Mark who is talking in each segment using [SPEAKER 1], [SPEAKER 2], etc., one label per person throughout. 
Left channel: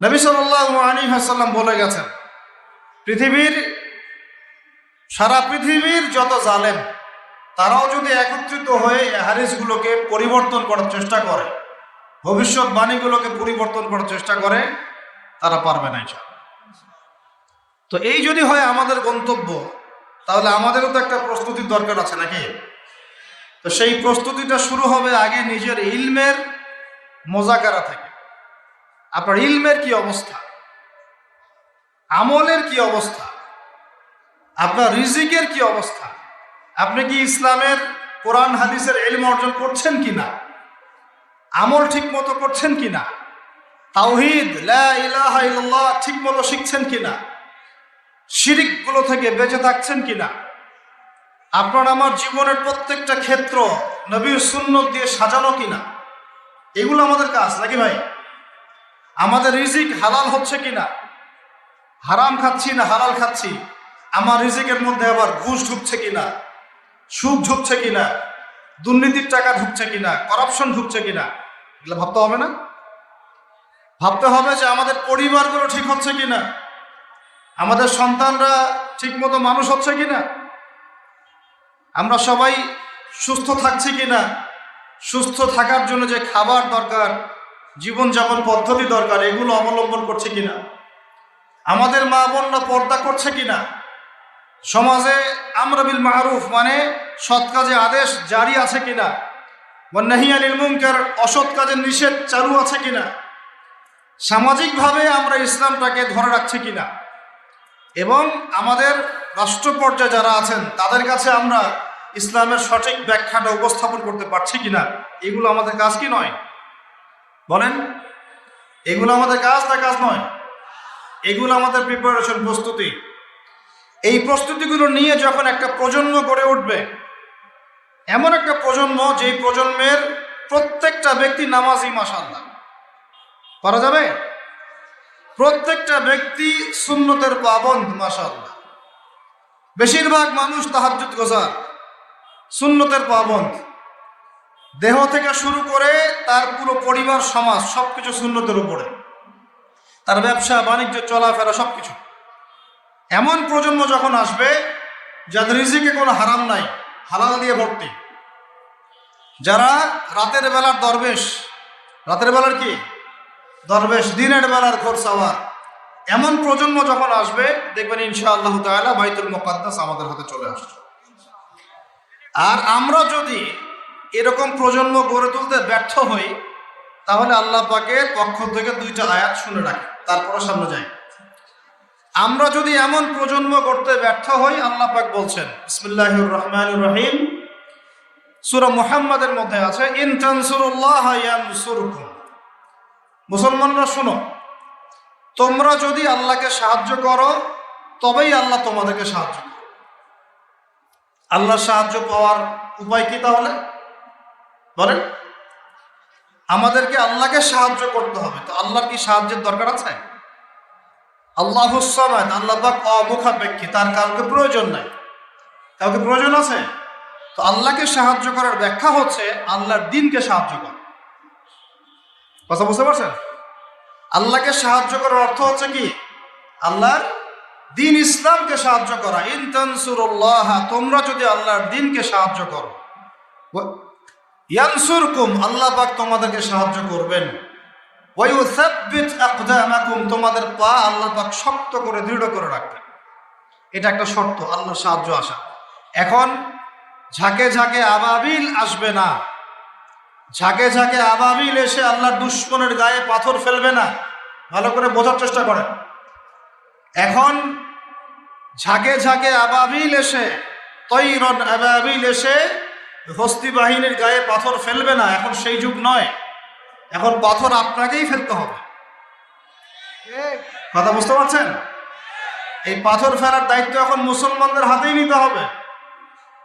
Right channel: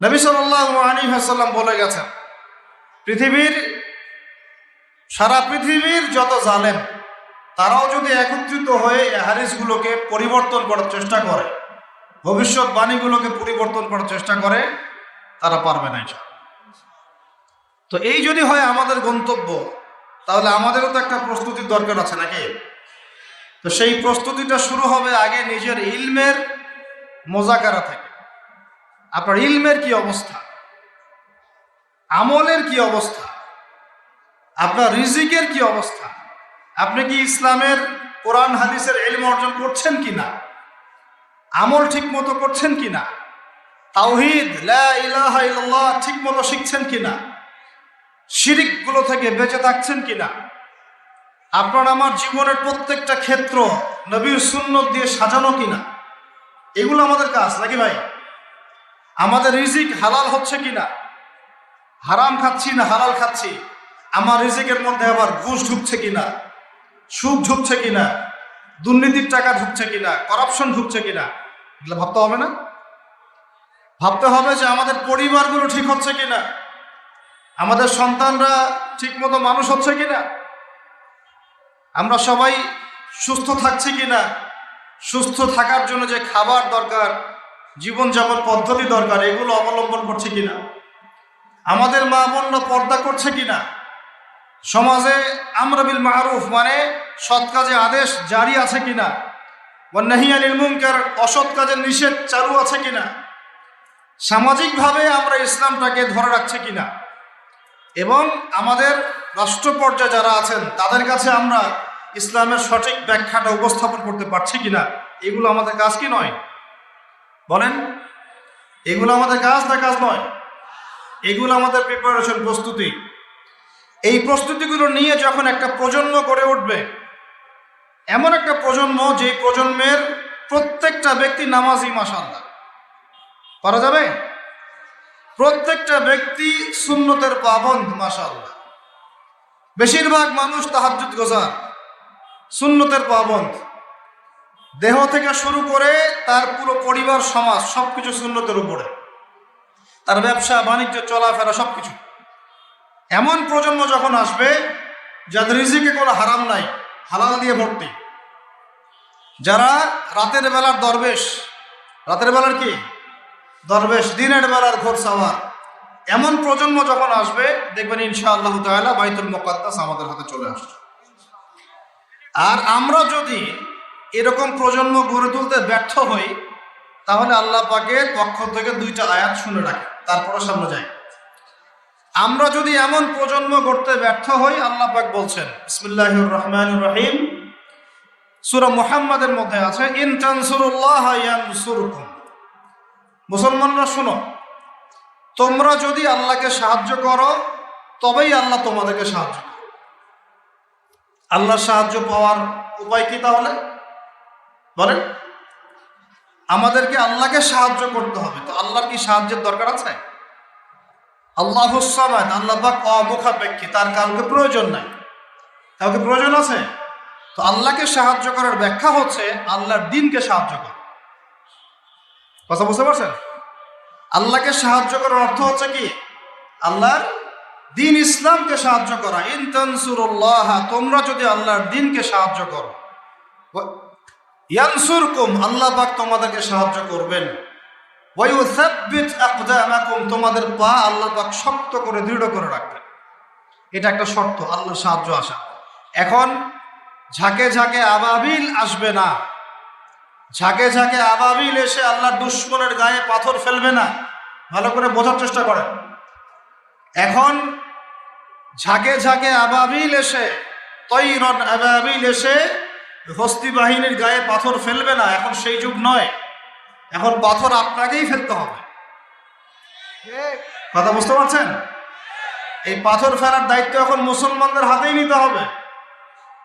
[SPEAKER 1] নবী হাসাল্লাম বলে গেছেন, পৃথিবীর, সারা পৃথিবীর যত জানেন তারাও যদি একত্রিত হয়ে এই হাদিসগুলোকে পরিবর্তন করার চেষ্টা করে ভবিষ্যৎবাণীগুলোকে পরিবর্তন করার চেষ্টা করে, তারা পারবে না। তো এই যদি হয় আমাদের গন্তব্য, তাহলে আমাদেরও তো একটা প্রস্তুতির দরকার আছে নাকি তো সেই প্রস্তুতিটা শুরু হবে আগে নিজের ইলমের মোজাকারা থেকে আপনার ইলমের কি অবস্থা? আমলের কি অবস্থা? আপনার রিজিকের কি অবস্থা? আপনি কি ইসলামের, কোরআন, হাদিসের এলম অর্জন করছেন কিনা? আমল ঠিক মতো করছেন কিনা? ইল্লাল্লাহ ঠিক মতো শিখছেন কিনা? শিরিকগুলো থেকে বেঁচে থাকছেন কিনা? আপনার আমার জীবনের প্রত্যেকটা ক্ষেত্র নবী সুন্নত দিয়ে সাজানো কিনা? এগুলো আমাদের কাজ, নাকি ভাই? আমাদের রিজিক হালাল হচ্ছে কিনা? হারাম খাচ্ছি না হালাল খাচ্ছি? আমার রিজিকের মধ্যে আবার ঘুষ ঢুকছে কিনা? সুদ ঢুকছে কিনা? দুর্নীতির টাকা ঢুকছে কিনা? করাপশন ঢুকছে কিনা? এগুলো ভাবতে হবে না? ভাবতে হবে যে আমাদের পরিবারগুলো ঠিক হচ্ছে কিনা? আমাদের সন্তানরা ঠিক মতো মানুষ হচ্ছে কিনা? আমরা সবাই সুস্থ থাকছি কিনা? সুস্থ থাকার জন্য যে খাবার দরকার জীবনযাপন পদ্ধতি দরকার, এগুলো অবলম্বন করছে কিনা? আমাদের মা বোন পর্দা করছে কিনা? সমাজে আমরা বিল মারুফ মানে সৎ কাজে আদেশ জারি আছে কিনা? বন্যাহিয়ানিল মুনকার, অসৎ কাজের নিষেধ চালু আছে কিনা? সামাজিকভাবে আমরা ইসলামটাকে ধরে রাখছি কিনা? এবং আমাদের রাষ্ট্র পর্যায়ে যারা আছেন, তাদের কাছে আমরা ইসলামের সঠিক ব্যাখ্যাটা উপস্থাপন করতে পারছি কিনা? এগুলো আমাদের কাজ কি নয়? বলেন, এগুলো আমাদের কাজ না কাজ নয়? এগুলো আমাদের প্রিপারেশন প্রস্তুতি। এই প্রস্তুতিগুলো নিয়ে যখন একটা প্রজন্ম গড়ে উঠবে, এমন একটা প্রজন্ম যে প্রজন্মের প্রত্যেকটা ব্যক্তি নামাজি মাসাল্লাহ করা যাবে? প্রত্যেকটা ব্যক্তি সুন্নতের পাবন মাসাল্লাহ বেশিরভাগ মানুষ তাহাজ্জুদ গোজার সুন্নতের পাবন দেহ থেকে শুরু করে তার পুরো পরিবার, সমাজ, সবকিছু শূন্যতের উপরে। তার ব্যবসা, বাণিজ্য, চলাফেরা, সবকিছু। এমন প্রজন্ম যখন আসবে, যাদের রিজিকে কোনো হারাম নাই, হালাল দিয়ে ভর্তি। যারা রাতের বেলার দরবেশ, রাতের বেলার কি? দরবেশ, দিনের বেলার ঘোর সাওয়ার এমন প্রজন্ম যখন আসবে, দেখবেন ইনশাআল্লাহ তাআলা বাইতুল মুকাদ্দাস আমাদের হাতে চলে আসছে। আর আমরা যদি এরকম প্রজন্ম গড়ে তুলতে ব্যর্থ হই, তাহলে আল্লাহ পাকের পক্ষ থেকে দুইটা আয়াত শুনে রাখি তারপরে সামনে যাই আমরা যদি এমন প্রজন্ম গড়তে ব্যর্থ হই, আল্লাহ পাক বলছেন, বিসমিল্লাহির রহমানির রহিম। সূরা মুহাম্মাদের মধ্যে আছে, ইন মুসলমানরা শোনো, তোমরা যদি আল্লাহকে সাহায্য করো, তবেই আল্লাহ তোমাদেরকে সাহায্য করবে আল্লাহর সাহায্য পাওয়ার উপায় কি তাহলে? বলেন। আমাদেরকে আল্লাহকে সাহায্য করতে হবে। তো আল্লাহর কি সাহায্যের দরকার আছে? আল্লাহ আল্লাহ পাক অমুখাপেক্ষী, তার কাউকে প্রয়োজন নাই। কাউকে প্রয়োজন আছে? তো আল্লাহকে সাহায্য করার ব্যাখ্যা হচ্ছে আল্লাহর দিনকে সাহায্য করা। আল্লাহকে সাহায্য করার অর্থ হচ্ছে কি? আল্লাহ দিন ইসলামকে সাহায্য করা। ইন তানসুরুল্লাহ, তোমরা যদি আল্লাহর দিনকে সাহায্য করো। ইয়ানসুরকুম, আল্লাহ পাক তোমাদেরকে সাহায্য করবেন। ওই তোমাদের পা আল্লাহ শক্ত করে, দৃঢ় করে রাখবেন। এটা একটা শর্ত আল্লাহর সাহায্য আসা। এখন, ঝাঁকে ঝাঁকে আবাবিল আসবে না। ঝাঁকে ঝাঁকে আবাবিল এসে আল্লাহ দুশ্মনের গায়ে পাথর ফেলবে না। ভালো করে বোঝার চেষ্টা করে এখন, ঝাঁকে ঝাঁকে আবাবিল এসে, তৈরন আবাবিল এসে হস্তি বাহিনীর গায়ে পাথর ফেলবে না, এখন সেই যুগ নয়। এখন পাথর আপনাকেই ফেলতে হবে। কথা বুঝতে পারছেন? এই পাথর ফেলার দায়িত্ব এখন মুসলমানদের হাতেই নিতে হবে।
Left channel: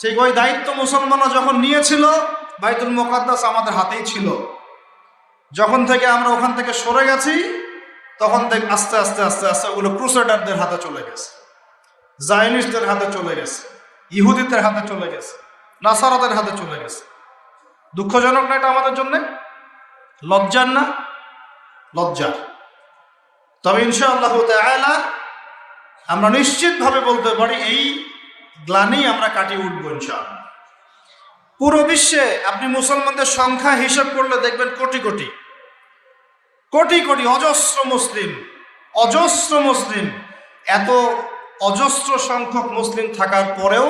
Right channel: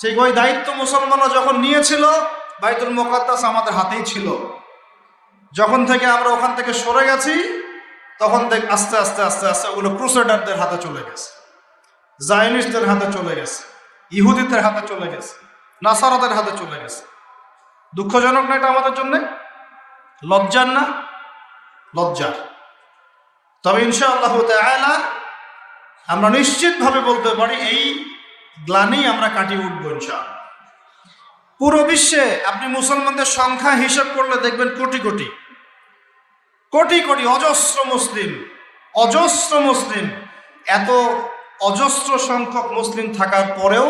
[SPEAKER 1] ঠিক ওই দায়িত্ব মুসলমানরা যখন নিয়েছিল, বাইতুল মোকদ্দাস আমাদের হাতেই ছিল। যখন থেকে আমরা ওখান থেকে সরে গেছি, তখন দেখ আস্তে আস্তে আস্তে আস্তে ওগুলো ক্রুসেডারদের হাতে চলে গেছে। জায়নিস্টদের হাতে চলে গেছে। ইহুদিদের হাতে চলে গেছে। নাসারাদের হাতে চলে গেছে। দুঃখজনক না আমাদের জন্য? লজ্জার না? লজ্জা তবে ইনশাআল্লাহ তাআলা আমরা নিশ্চিতভাবে বলতে পারি, এই গ্লানি আমরা কাটিয়ে উঠবো ইনশাআল্লাহ। পুরো বিশ্বে আপনি মুসলমানদের সংখ্যা হিসাব করলে দেখবেন কোটি কোটি। কোটি কোটি অজস্র মুসলিম অজস্র মুসলিম, এত অজস্র সংখ্যক মুসলিম থাকার পরেও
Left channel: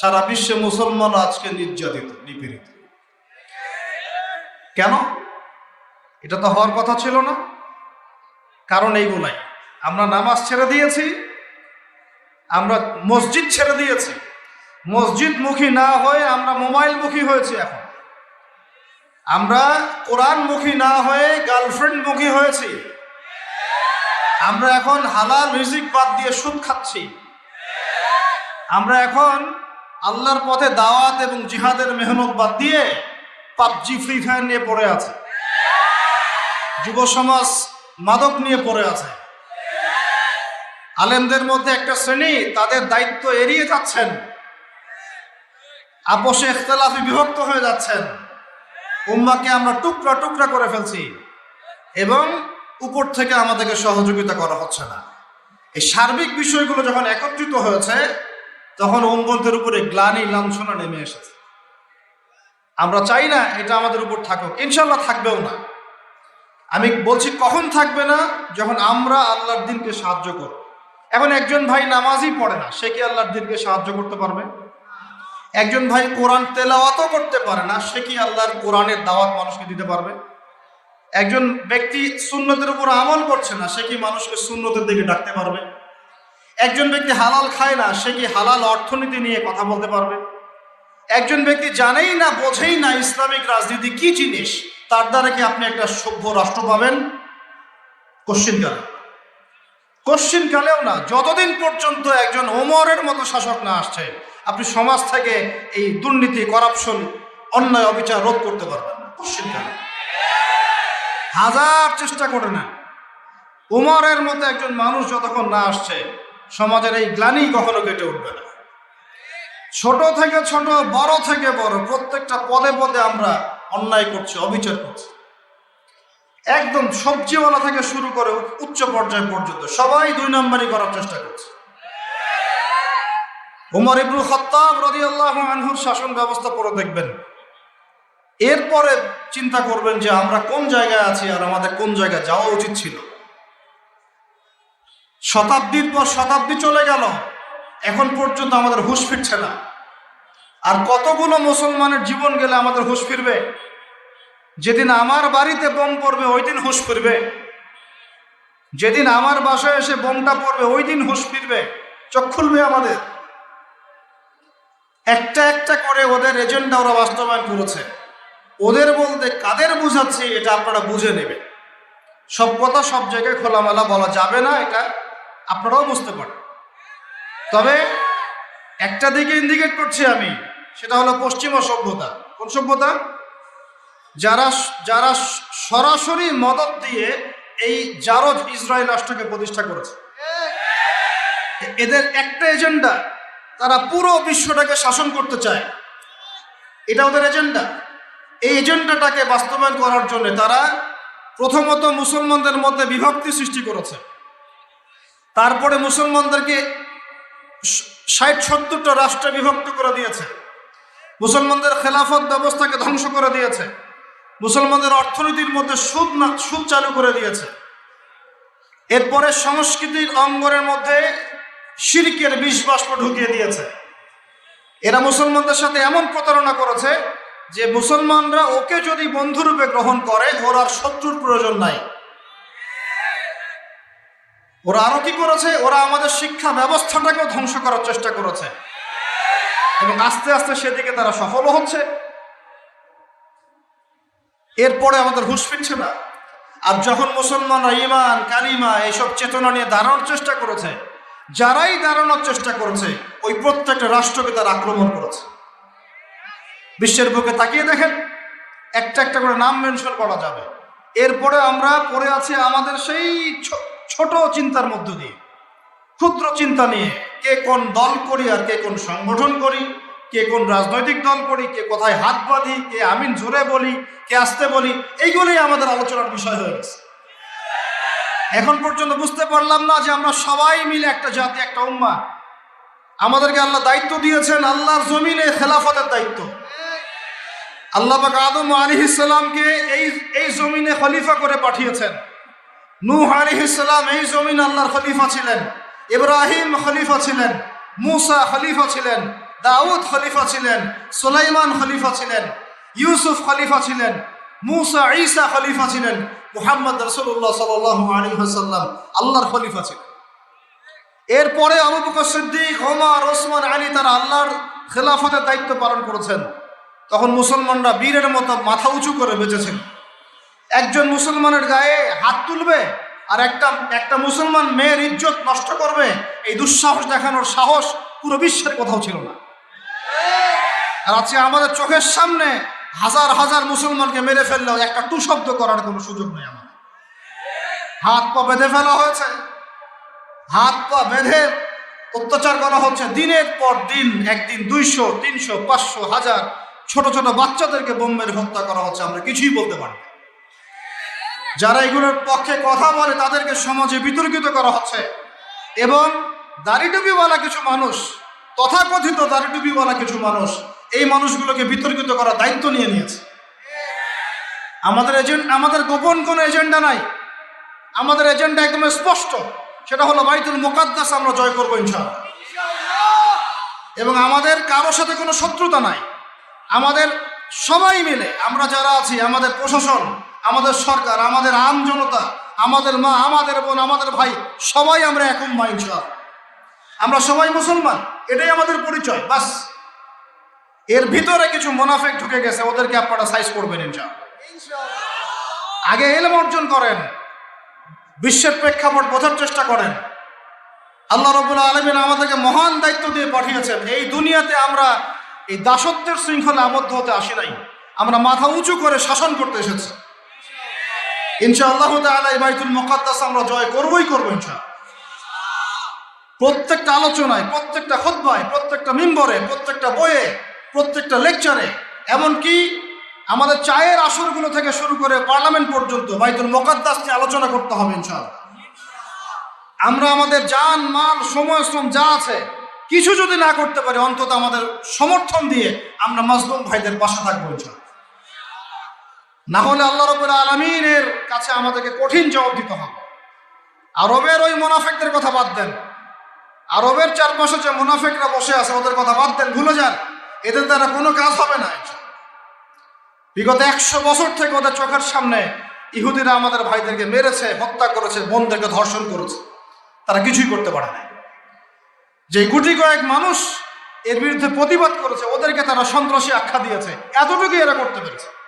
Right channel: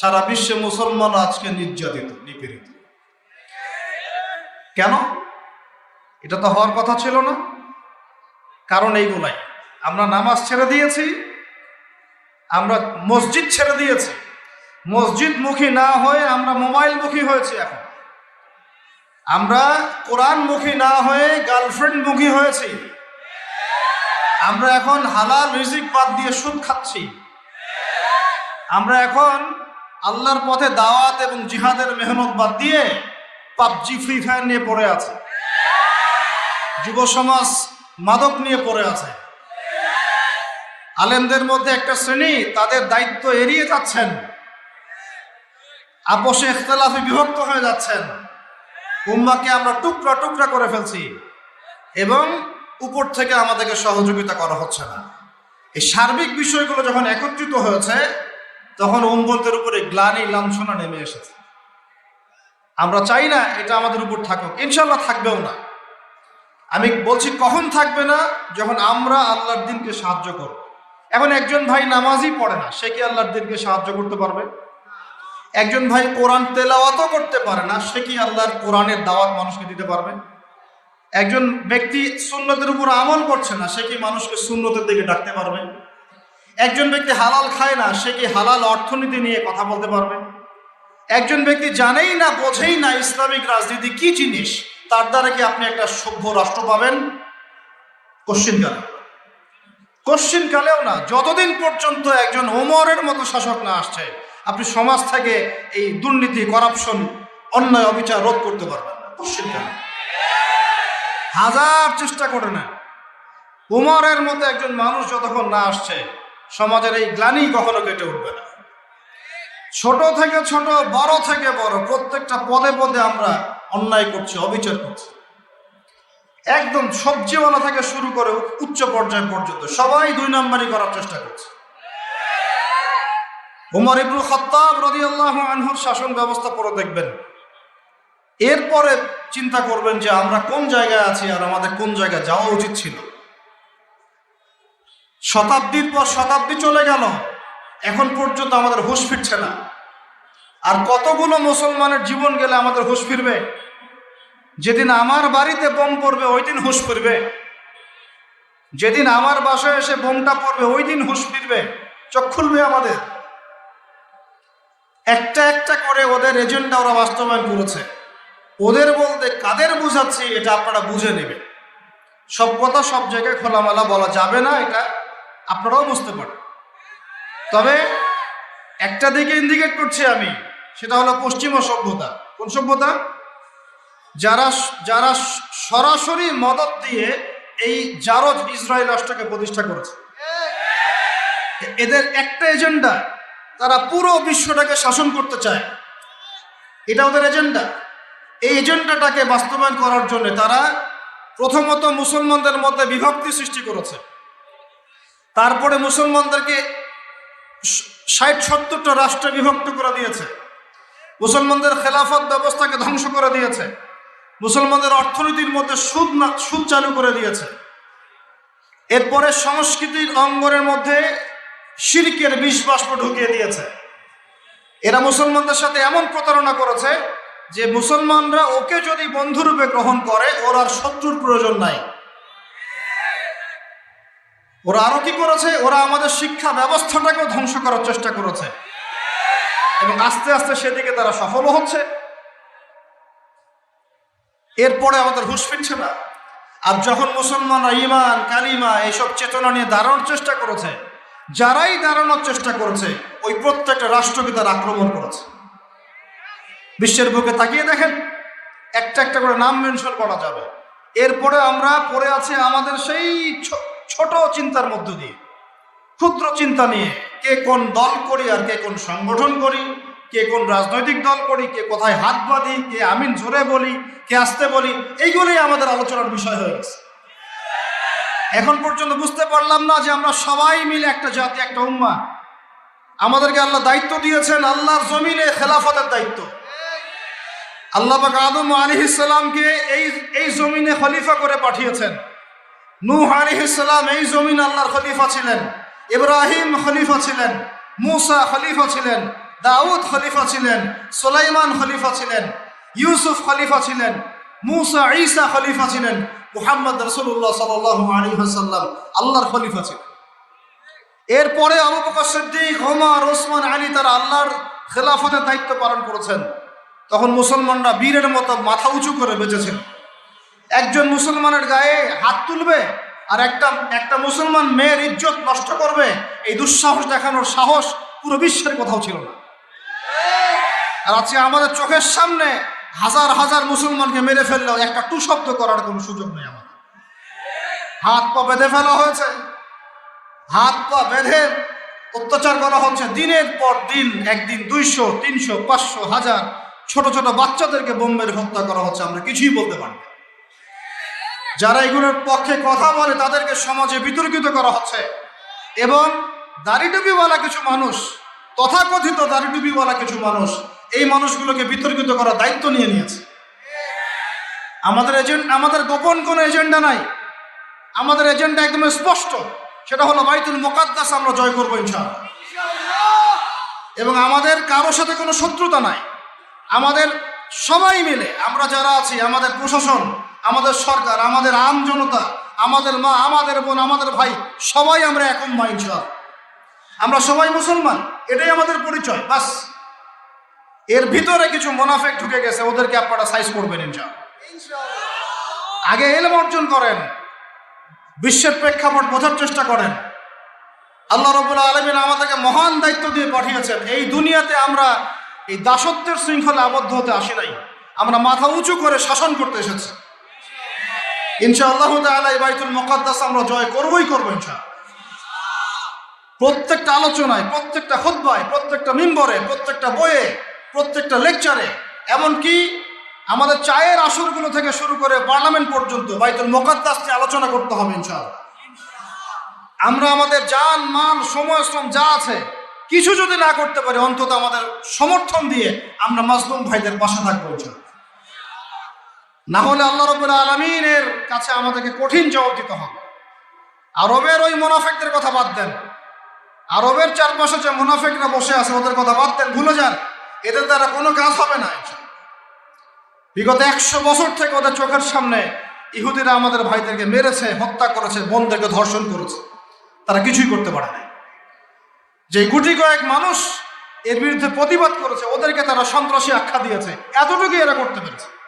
[SPEAKER 1] সারা বিশ্বে মুসলমান আজকে নির্যাতিত, নিপীড়িত। কেন? এটা তো হওয়ার কথা ছিল না। কারণ এইগুলাই আমরা নামাজ ছেড়ে দিয়েছি, আমরা মসজিদ ছেড়ে দিয়েছি। মসজিদ মুখী না হয়ে আমরা মোবাইল মুখী হয়েছি এখন। আমরা কোরআন মুখী না হয়ে গার্লফ্রেন্ড মুখী হয়েছি। আমরা এখন হালাল রিজিক বাদ দিয়ে সুদ খাচ্ছি। আমরা এখন আল্লাহর পথে দাওয়াত এবং জিহাদের মেহনত বাদ দিয়ে পাবজি, ফ্রি ফায়ার নিয়ে পড়ে আছে। যুব সমাজ মাদক নিয়ে পড়ে আছে। আলেমদের মধ্যে একটা শ্রেণি, তাদের দায়িত্ব এড়িয়ে যাচ্ছেন। আপোষে ইখতলাফে বিভক্ত হয়ে যাচ্ছেন। উম্মাকে আমরা টুকরা টুকরা করে ফেলছি এবং উপর থেকে আমাদেরকে সহযোগিতা করা হচ্ছে না। এই সার্বিক বিষয়গুলো যখন একত্রিত হয়েছে তখন উম্মদের উপরে গ্লানি লাঞ্ছনা নেমে এসেছে। আমরা চাই না এটা আমাদের উপর থাকুক। ইনশাল্লাহ থাকবেও না। আমি বলছি, কখন থাকবে না? যখন আমরা আল্লাহর দিনকে সাহায্য করব। এখন একজন ভাই নামাজই পড়ে না, সে কি আল্লাহর দিনকে সাহায্য করতে পারবে? একজন ভাই কোরআন তেলাওয়াতও করতে পারে না, সে কি আল্লাহর কোরআনের দাওয়াত মানুষকে দিতে পারবে? একজন ব্যক্তি সুন্নতের উপর আমল করছে না, সে কি মানুষকে সুন্নতের দিকে ডাকতে পারবে? একজন ব্যক্তি হালাল খায় না, সে কি হালাল অর্থনীতি নিয়ে কথা বলতে পারবে? একজন ব্যক্তি জানেই না, বোঝেই না ইসলামিক রাজনীতি কি জিনিস, তার দ্বারা কি আপনি একটা সভ্য রাষ্ট্র পাবেন? কোশ্চিন কালে কোশ্চিন কালেও না, যতদিন পর্যন্ত একজন ওমরের মতো শাসক না আসছে, আপনি সমাজ থেকে এই দুর্নীতি করাপশন অন্যায়, অবিচার রোধ করতে পারবেন না। কোশ্চিন কালে হাজার চেষ্টা করে না। ওমরের মতো একজন মানুষ যতক্ষণ না আসছে সমাজের এই গ্লানি কখনো কেটে উঠবে না। ছোট থেকে ছোট, বড় থেকে বড়, প্রত্যেকটা পদে পদে আমরা অন্যায় করছি, অবিচার করছি। একদম সবজিওয়ালা থেকে শুরু করে উচ্চ পর্যায় পর্যন্ত সবাই দুই নম্বরই করার চেষ্টা করছে। উমর ইবনুল খত্তাব রাদিয়াল্লাহু আনহুর শাসন ব্যবস্থা পরে দেখবেন। এরপরে চিন্তা করবেন যে আমরা কোন জায়গায় আছি আর আমাদের কোন জায়গায় যাওয়া উচিত ছিল। শতাব্দীর পর শতাব্দী চলে গেল। এখন পর্যন্ত আমাদের হুঁশ ফিরছে না। আর কতগুলো মুসলমানের জীবন গেলে আমাদের হুঁশ ফিরবে? যেদিন আমার বাড়িতে বোম পড়বে, ওই দিন হুঁশ ফিরবে। যেদিন আমার বাসায় এসে বোমটা পড়বে, ওই দিন হুঁশ ফিরবে। চোখ খুলবে আমাদের। একটা একটা করে ওদের এজেন্ডা ওরা বাস্তবায়ন করেছে। ওদের বলতে কাদের বুঝাচ্ছি, এটা আপনারা বুঝে নেবেন। সব কথা সব জায়গায় খোলামেলা বলা যাবে না এটা। আপনারাও বুঝতে পারেন। তবে একটা দিকে ইন্ডিকেট করছি আমি, সেটা হলো পশ্চিমা সভ্যতা কোন সভ্যতা? যারা যারা সরাসরি মদত দিয়ে এই জারজ ইসরায়েল রাষ্ট্রকে প্রতিষ্ঠা করেছে। এদের একটা এজেন্ডা তারা পুরো বিশ্বটাকে শাসন করতে চায়। এটা ওদের এজেন্ডা এই এজেন্ডাটাকে বাস্তবায়ন করার জন্য তারা প্রথমত মুসলমানদের মধ্যে বিভক্তি সৃষ্টি করেছে। তারপরে মুসলমানদেরকে ষাট সত্তরটা রাষ্ট্রে বিভক্ত করে দিয়েছে। মুসলমানদের খেলাফত ব্যবস্থাকে ধ্বংস করে দিয়েছে। মুসলমানদের অর্থনীতির মধ্যে সুদ না- সুদ চালু করে দিয়েছে। এরপরে সংস্কৃতির অঙ্গনের মধ্যে শিরকের বিষ বাষ্প ঢুকিয়ে দিয়েছে। এরা মুসলমানদের সাথে এমন প্রতারণা করেছে যে মুসলমানরা ওকে যদি বন্ধুরূপে গ্রহণ করে, ওর শত্রুর প্রয়োজন নাই। ওরা আরও কি করেছে? ওরা আমাদের শিক্ষা ব্যবস্থাটাকেও ধ্বংস করার চেষ্টা করেছে। এবং আস্তে আস্তে সেদিকে তারা সফল হচ্ছে। এরপরে আমাদের হুশ ফিরছে না। আর যখন মুসলমানরা ইমান কালিমা এইসব চেতনা নিয়ে দাঁড়ানোর চেষ্টা করেছে, যারাই দাঁড়ানোর চেষ্টা করেছে, ওই প্রত্যেকটা রাষ্ট্রকে তারা আক্রমণ করেছে। বিশ্বের বুকে তাকিয়ে দেখেন, একটা একটা করে নাম মেনশন করা যাবে। এরপরে আমরা পড়ে আছি আমাদের সেই ছোট চিন্তার মধ্য দিয়ে, ক্ষুদ্র চিন্তা নিয়ে কে কোন দল করি আর কে কোন সংগঠন করি, কে কোন রাজনৈতিক দল করি, কে কোথায় হাত বাঁধি, কে আমিন জোরে বলি, কে আসতে বলি এইগুলি আমাদের আলোচনার বিষয় হয়ে গেছে। এখন পর্যন্ত বুঝতে পারলাম না যে আমরা সবাই মিলে একটা জাতি, একটা উম্মা। আমাদেরকে আল্লাহ দায়িত্ব দিয়েছেন, আল্লাহর জমিনে খেলাফতের দায়িত্ব। আল্লাহ আদম আলিহিসাল্লামকে এই এই জমিনে খলিফা করে পাঠিয়েছেন। নূহ আলিহিসাল্লাম এই জমিন আল্লাহর খলিফা ছিলেন। ইব্রাহিম খলিফা ছিলেন। মুসা খলিফা ছিলেন। দাউদ খলিফা ছিলেন। সুলাইমান খলিফা ছিলেন। ইউসুফ খলিফা ছিলেন। মুসা ঈসা খলিফা ছিলেন। মুহাম্মদ রসুল্লাহ সাল্লাল্লাহু আলাইহি ওয়াসাল্লাম আল্লাহর খলিফা ছিলেন। এরপরে আবু বকর সিদ্দিক, ওমর, ওসমান, আলী তারা আল্লাহর খেলাফতের দায়িত্ব পালন করেছেন। তখন মুসলমানরা বীরের মতো মাথা উঁচু করে বেঁচেছেন। একজন মুসলমানের গায়ে হাত তুলবে আর একটা একটা মুসলমান মেয়ের ইজ্জত নষ্ট করবে, এই দুঃসাহস দেখানোর সাহস পুরো বিশ্বের কোথাও ছিল না। আর আছে আমাদের চোখের সামনে হাজার হাজার মুসলমানকে মেরে ফেললেও একটা টু শব্দ করার কোনো সুযোগ নেই আমাদের। হাত পা বেঁধে ফেলা হয়েছে। হাত পা বেঁধে অত্যাচার করা হচ্ছে দিনের পর দিন, একদিন দুইশো, তিনশো, পাঁচশো, হাজার ছোট ছোট বাচ্চাদেরকে বোম মেরে হত্যা করা হচ্ছে, আমরা কিছুই বলতে পারি। যারা এগুলোর পক্ষে কথা বলে, তাদেরকে সমাজে বিতর্কিত করা হচ্ছে। এবং দাড়িটুপিওয়ালা কিছু মানুষ, তথাকথিত দাড়িটুপিওয়ালা কিছু মানুষ, এই মানুষগুলোকে বিতর্কিত করার দায়িত্ব নিয়ে নিয়েছে। আমাদের এজেন্ট আমাদের গোপন কোনো এজেন্ডা নাই। আমাদের এজেন্ডা একদম স্পষ্ট। সেটা হলো বাইতুল মোকাদ্দাস আমরা জয় করব ইনশাআল্লাহ। এবং আমাদের কারোর সাথে কোনো শত্রুতা নাই। আমাদের সবাই মিলে, আমরা যারা আছি, আমাদের প্রশাসন আমাদের সরকার আমাদের আম জনতা, আমাদের মা, আমাদের বোন, আমাদের ভাই, সবাই আমরা এখন মা ইনশাআল্লাহ। আমরা সবাই মুসলমান, এটাই আমাদের পরিচয়, বাস। এর ভিতরে কিছু মোনাফেক ঢুকে গেছে, ওদেরকে আপনারা সাইজ করবেন আগে এলম অর্জন করেন, বিশ্বের প্রেক্ষাপট বোঝার চেষ্টা করেন। আল্লাহ রবুল্লা আলমিন আমাদেরকে মহান দায়িত্ব দিয়ে পাঠিয়েছেন, এই দুনিয়াতে আমরা এই দাসত্বের শৃঙ্খলা আবদ্ধ হতে আসে নাই। আমরা মাথা উঁচু করে শাসন করতে এসেছি। ইনশাআল্লাহ তাআলা এই বাইতুল মুকাদ্দাস আমরা জয় করবই করব ইনশাআল্লাহ প্রত্যেকটা আলোচনায়, প্রত্যেকটা খুতবায়, প্রত্যেকটা মিম্বরে, প্রত্যেকটা বইয়ে, প্রত্যেকটা লেকচারে, এমনকি আমাদের চায়ের আসরগুলো থেকে শুরু করে পার্লামেন্ট পর্যন্ত বাইতুল মুকাদ্দাস নিয়ে আলোচনা করতে হবে ইনশাআল্লাহ আমরা আমাদের জান, মাল, সময় শ্রম যা আছে, কিছু যদি না করতে পারি, অন্তত আমাদের সমর্থন দিয়ে আমরা মাজলুম ভাইদের পাশে থাকব ইনশাআল্লাহ। না হলে আল্লাহ রবুল আলমিনের কাছে আমাদেরকে কঠিন জবাব দিতে হবে। আরবের ওই মুনাফেকদের কথা বাদ দেন। আরবের চারপাশে যে মুনাফেকরা বসে আছে, ওদের কথা বাদ দেন, ভুলে যান। এদের দ্বারা কোনো কাজ হবে না। বিগত একশো বছর থেকে ওদের চোখের সামনে ইহুদিরা আমাদের ভাইদেরকে মেরেছে, হত্যা করেছে, বোনদেরকে ধর্ষণ করেছে। তারা কিছুই করতে পারে না। যে গুটি কয়েক মানুষ এর বিরুদ্ধে প্রতিবাদ করেছে, ওদেরকে তারা সন্ত্রাসী আখ্যা দিয়েছে। এতটুকু এরা করতে পেরেছে।